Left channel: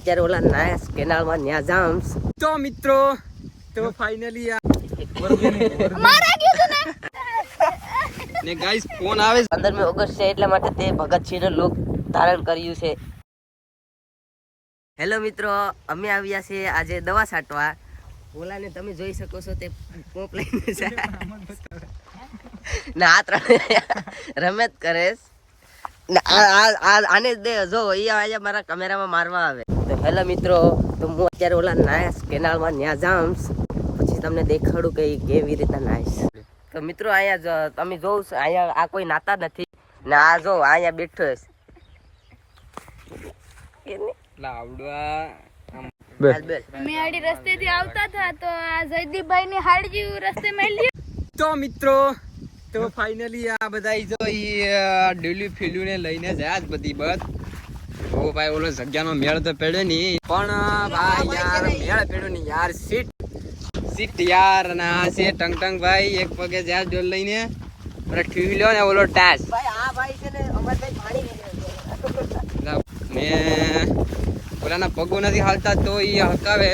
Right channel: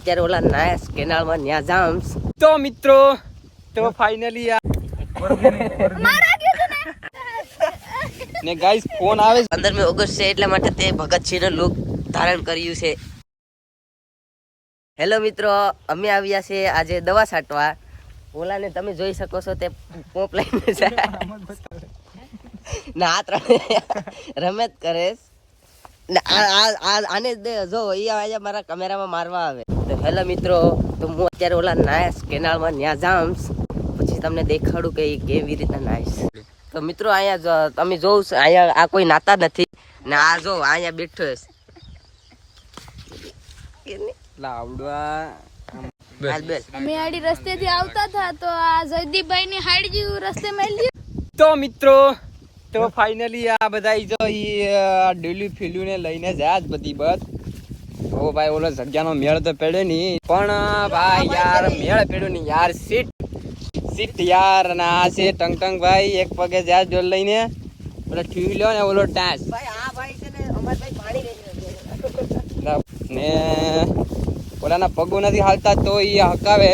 અત્યારે ઓલા નાયસ કેનાલમાં ન્યા જામ તો મિત્રો તો ફાઇનલી આ ને. ગાઈસ ફોન આવે પંદરમી ઓગસ્ટ છે એટલા માટે તે ભગતસિંહનો લુક ધારણ કર્યું છે. હેલો મિત્રો અમે આવ્યા છે આજે દવા છાંટવા. ઓલાને તમે જોઈ શકો છો તે પોપ લઈને છે ને. ને આ- આ- આ- આને દે જો આજે મારા કેમેરામાં મારવા આવે. તો હેલો મિત્રો તો હું અત્યારે ઓલા નાયસ કેનાલમાં ન્યા જામ્સ. પછી તમને દેખાડું કે કેવી રીતના નાયસ તો મિત્રો અહીંયા તમે જોઉં છો, અહીંયા આ કોઈ નાતા નથી. ને આ જો અહીંયા બેઠો છે. લાવડવા હાલ બેસ. અમે આડી રસ્તેથી આવતા હતા તો આ જયદીપભાઈ ની હાડી જેવું રસ્તે મળી તો મિત્રો તો ફાઇનલી આ બધા જો ડેલી ફીલ્યું ને લઈને જાય જ બધી બધ ઓ ભાઈ ઓલો જગ્યાનો મેળ તો પડ્યો નહીં પણ ભાઈ યાર મેળ પડ્યો નહીં યાર સીટ. સીટ યાર અને આ છે ટંગ ટંગ ભાઈ એક પગે જાય ડોલ લઈને. ઓલો ઠીલ્યો ને ઓલો ટાસ. ભાઈ આ ભાઈ છે ને ઓલાના પગો નથી હાલતા તો એ હકાવે.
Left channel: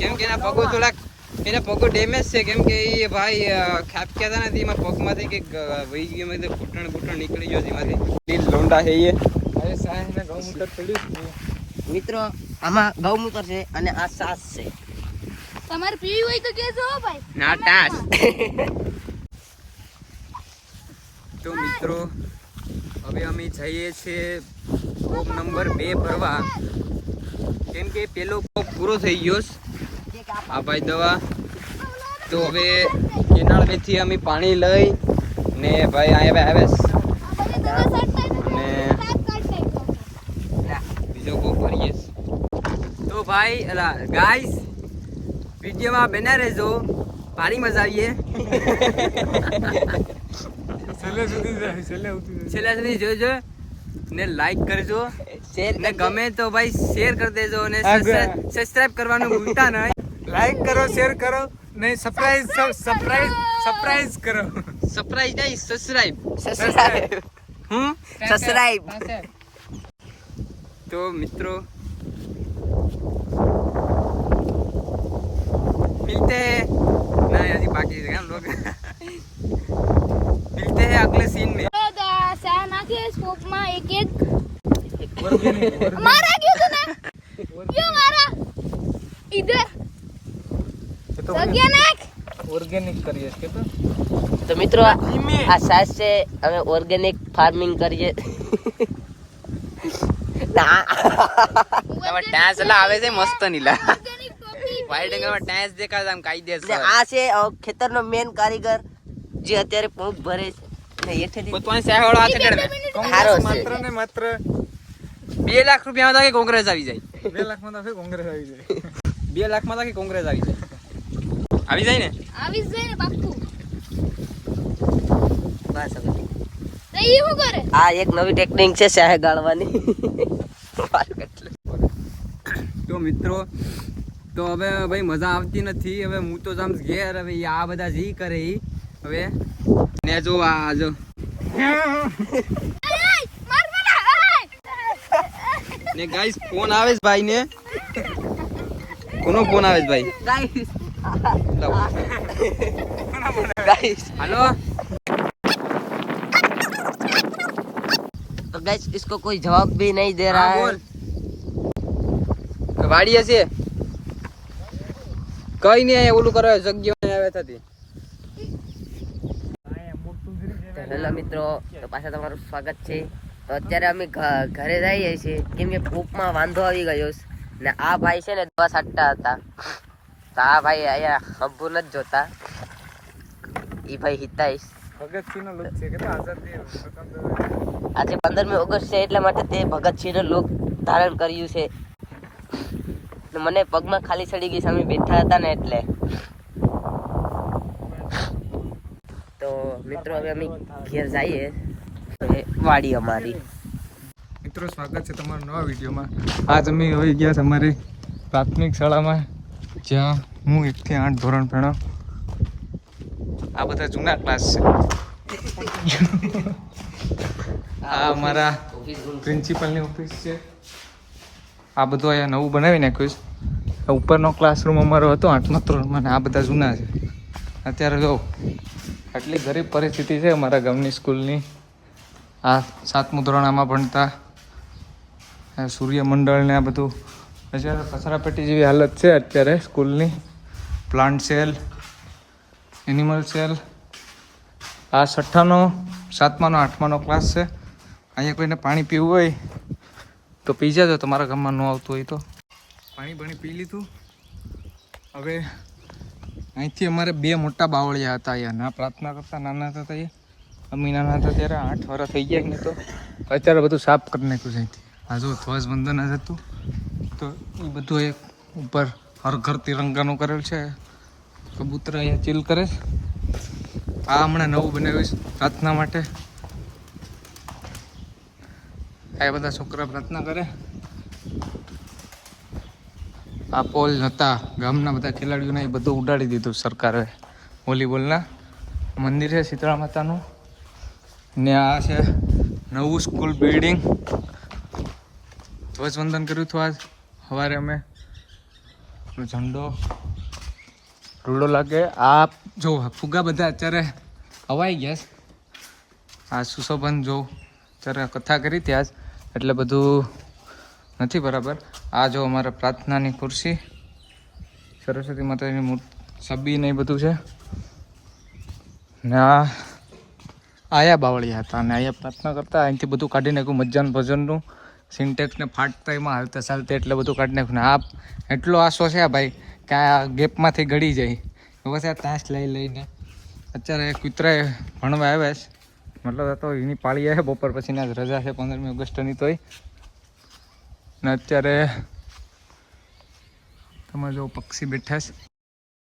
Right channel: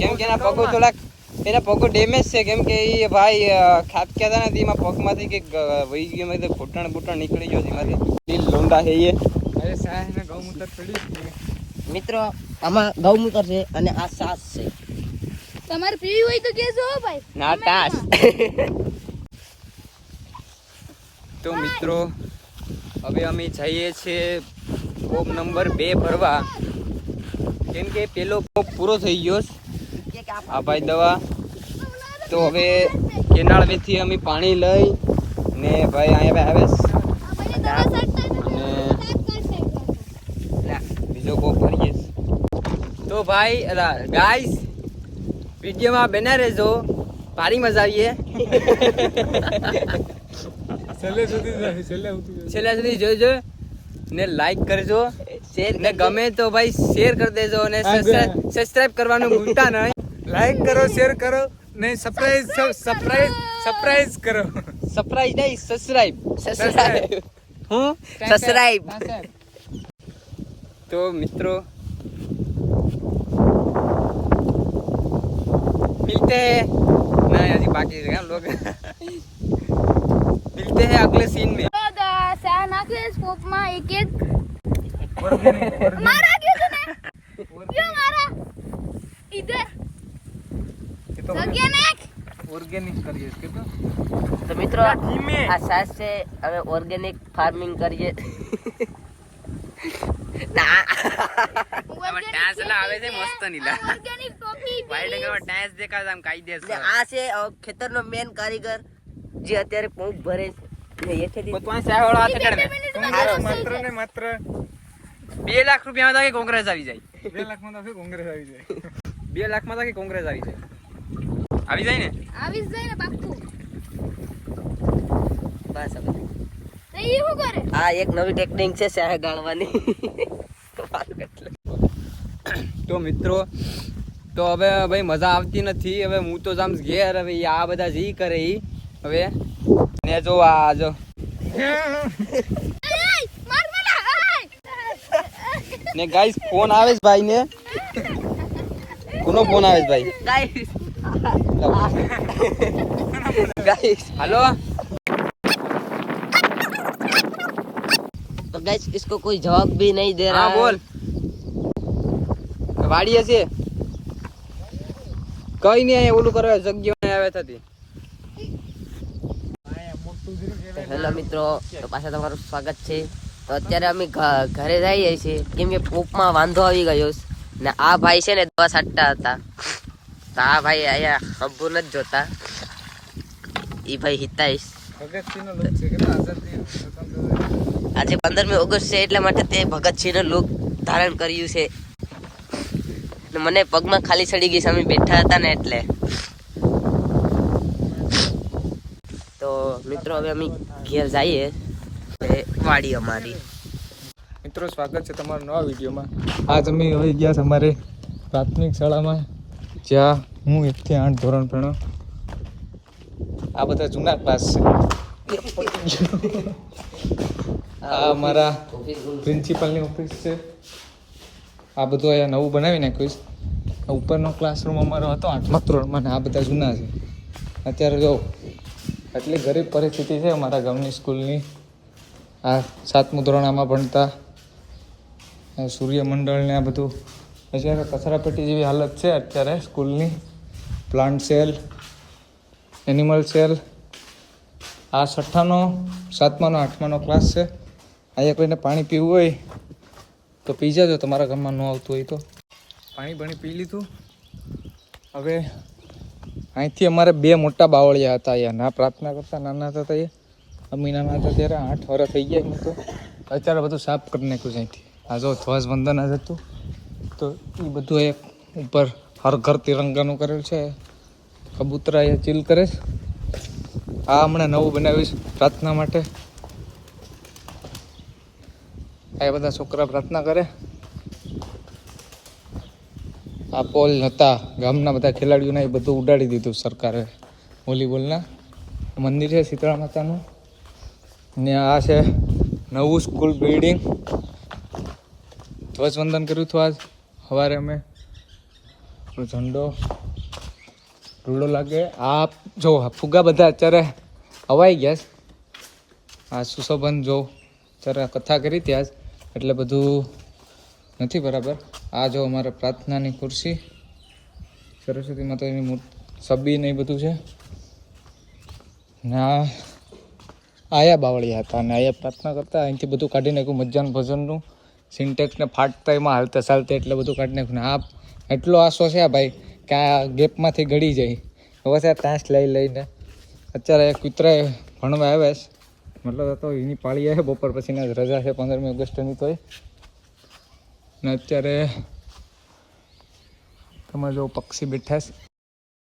કેમ કે એના પગો થોડાક એના પગો ડેમેજ છે. કેમ કે એ ભાઈ ખાપ કહેતા હતા નથી એમાં પગમાંથી કંઈક વહી ગયું. એમાં ઘૂંટણ બૂટણ નીકળી ગયો છે એમાંથી. લીલ લોંડા છે એ મિત્રો આમાં ગૌમૂત્ર છે અને આ સાસ છે. તમારે પીવી હોય તો કેજો ભાઈ. ના ટાસ તો મિત્રો હવે અમે જઈએ છીએ કોપ નંબર બે ભરવા. કેમ કે પેલો કોપ પૂરો થઈ ગયો છે. આ ભાઈ દવા. તો હવે કેનાળ વીથી અમે પાણી લઈ ને ભાઈ અહીંયા આવે અને. બીજો કોઈ ભરીએ તો ભાઈ અલા ગાઈસ વિડીયોમાં બેના રહેજો. ભારી મજા આવીએ. છેલ્લા સુધી જોજો ને લાઈક કરજો. ને ગમે તો ભાઈ શેર કરી દેજો અને સબસ્ક્રાઇબ કરવાનું ભૂલતા નહીં. લાઈક કરો શેર કરો ને સરપ્રાઈઝ સરપ્રાઈઝ સરપ્રાઈઝ કરો સરપ્રાઈઝ નહીં સબસ્ક્રાઇબ સબસ્ક્રાઇબ હું સબસ્ક્રાઇબ તો મિત્રો मिलते हैं ना अजी बाकी है लोग मिलते हैं अगले सीन में તો દા સા નાખે સ્કોપમાં એક એક મારા ગયો તો ને નાખ ઓર્ગેનિક કરીએ છીએ તો મિત્રો આ સાસ છે અમે ઓર્ગેનિક ફાર્મિંગ કરીએ. ના. ટાસ એટલે આવે છે મસ્ત નીલા ઓર્ગેનિક ટાસ દેખાય છે આમ કાયદેસર. આ છે ખેતરનો મેન કારીગર જે અત્યારે પંપ ભરે છે. ને હાથે ચડે કોંગ્રેસ માત્ર ને માત્ર બે લાખ રૂપિયામાં તો કોંગ્રેસ આવી જાય. બે લાખમાં તો કોંગ્રેસ આવી જાય. બે લાખમાં તો કોંગ્રેસ આવી જાય. આવી જાય ને? આવી જાય ને પાક્કું. બસ હવે. તો ઈ શું કરે? આ એક નવી ટેકનિક છે શાહે ગાળવાની. તો મિત્રો તો હવે ભાઈ મજા આવતી નથી. હવે હું તો જામ ઘેર હવે આ બધા જી કરે ઈ. હવે ને જો આ જો. ને ગાઈસ ફોન આવે છે ભાઈ ને કોનો ફોન આવે છે ભાઈ? ગાઈસ લાવ. गाइस હાલો तो गाइस इसको कोई जवाब भी नहीं दे रहा હા है બોલ વાડી હશે કઈ નહીં અહીંયા ઓલું કરવા જગ્યા આવે થતી તો હેલો મિત્રો તો પાછા તમારું સ્વાગત છે તો અત્યારે અમે ઘ- ઘરે જઈએ છીએ કેમ કે પોપમાં વાંધો આવી ગયો છે ને આ ભાઈ છે ને દવા છાંટતા હતા તો ભાઈ અહીંયા અંબુ નથી જોતા. એ ભાઈ હિતાઈશ. આજે પંદર પંદરમી ઓગસ્ટ છે એટલા માટે તે ભગતસિંહનો લુક ધારણ કર્યું છે. મને પગમાં ખાલી ચડી ગઈ અમે બેઠા હતા ને એટલે. તો મિત્રો હવે અમે ઘેર જઈએ. વાડી અમારી. મિત્રો સ્વાગત છે તમારા નવા વિડીયોમાં. આજ અમે હવે ગયા છે અમારે પ્રાથમિક શાળામાં. જ્યાં હું એકથી આઠ ધોરણ ભણાવ આ બધા જૂના ક્લાસ છે. આ અમારા પ્રિન્સિપલની ઓફિસ છે. આ બધું અહીંયા નવું બનાવી નાખ્યું છે. ઉપરનો ક્લાસરૂમ અમારો હતો, આઠમા ધોરણમાં આ બધા જૂના છે. અત્યારે જો, આટલી ગરીબ પરિસ્થિતિ છે અમારા ગામની સ્કૂલની. આ સાતમું ધોરણ આમાં ભણતા. આ સૂર્યમંડળ ને આ બધું અત્યારે કચરાપેટી જેવી હાલત છે અત્યારે સ્કૂલની. Plant cell animal cell. આ છઠ્ઠાનો, સાતમાનો, આઠમાનો ક્લાસ છે. અહીંયા કોઈને પાણી પીવું હોય તો પી જાજો, તમારા ગામમાં ન આવતું હોય તો. પાણી ભણી પી લીધું. હવે અહીંથી અમારે બે મોટા બાવળિયા હતા અહીંયા. ના પ્રાર્થના કરતા, નાના હતા એ અમી નાના હતા ત્યારે આઠ વર્ષ થઈ ગયા ને તો. અત્યારે બધું સાફ કરી નાખ્યું છે અહીંથી. આ જો ધ્વજ વંદન જ હતું. તો એ બધું એક ઉપર હર ઘર તિરંગાનું કરેલું છે. કબૂતરા અહીંયા ચીલ કરે છે. આ હમણાં નવું બનાવ્યું છે પ્રાર્થના માટે. આ બધા છોકરા પ્રાર્થના કરે. આ પોલ હતા, ગામના બધા ખેલાડીઓને એ બધું ઉડાડી દીધું સરકારે. વોલીબોલના. મંદિર છે શીતળા માતાનું. ને આ છે નવું સ્કૂલ બિલ્ડિંગ. ધ્વજવંદન કર્યું હતું આજ. સવારે અમે ઝંડો, રૂડો લાગે. આ જો ફુગા બધા અત્યારે હવાઈ ગયા છે. આ સુશોભન જો અત્યારે કથા કરી ત્યાં જ એટલે બધું નથી બરાબર. આ જો અમારા પ્રાર્થનાની ખુરશી, સરસ્વતી માતાજીની મૂર્તિ, સબી ને બધું છે. ને આ આયા બાવળિયા હતા અને આયા પ્રાર્થના કરતા, અહીંથી બધું કાઢી નાખ્યું મજાન ભજનનું સિન્ટેક્સ ને ફાટતા એમાં હાલતા ચાલતા એટલે બધું કાઢી નાખ્યું આ એટલો આશો છે ભાઈ કે આ ગેપમાંથી ગળી જાય. હવે ત્યાં તાંસ લઈ લઈને અત્યારે કૂતરાએ ભણવા આવ્યા છે. મતલબ તો એની પાળી આવે, બપોર પછીના રજા છે પંદરમી ઓગસ્ટની તોય. ને અત્યારે તમે જો પક્ષી બેઠા છે.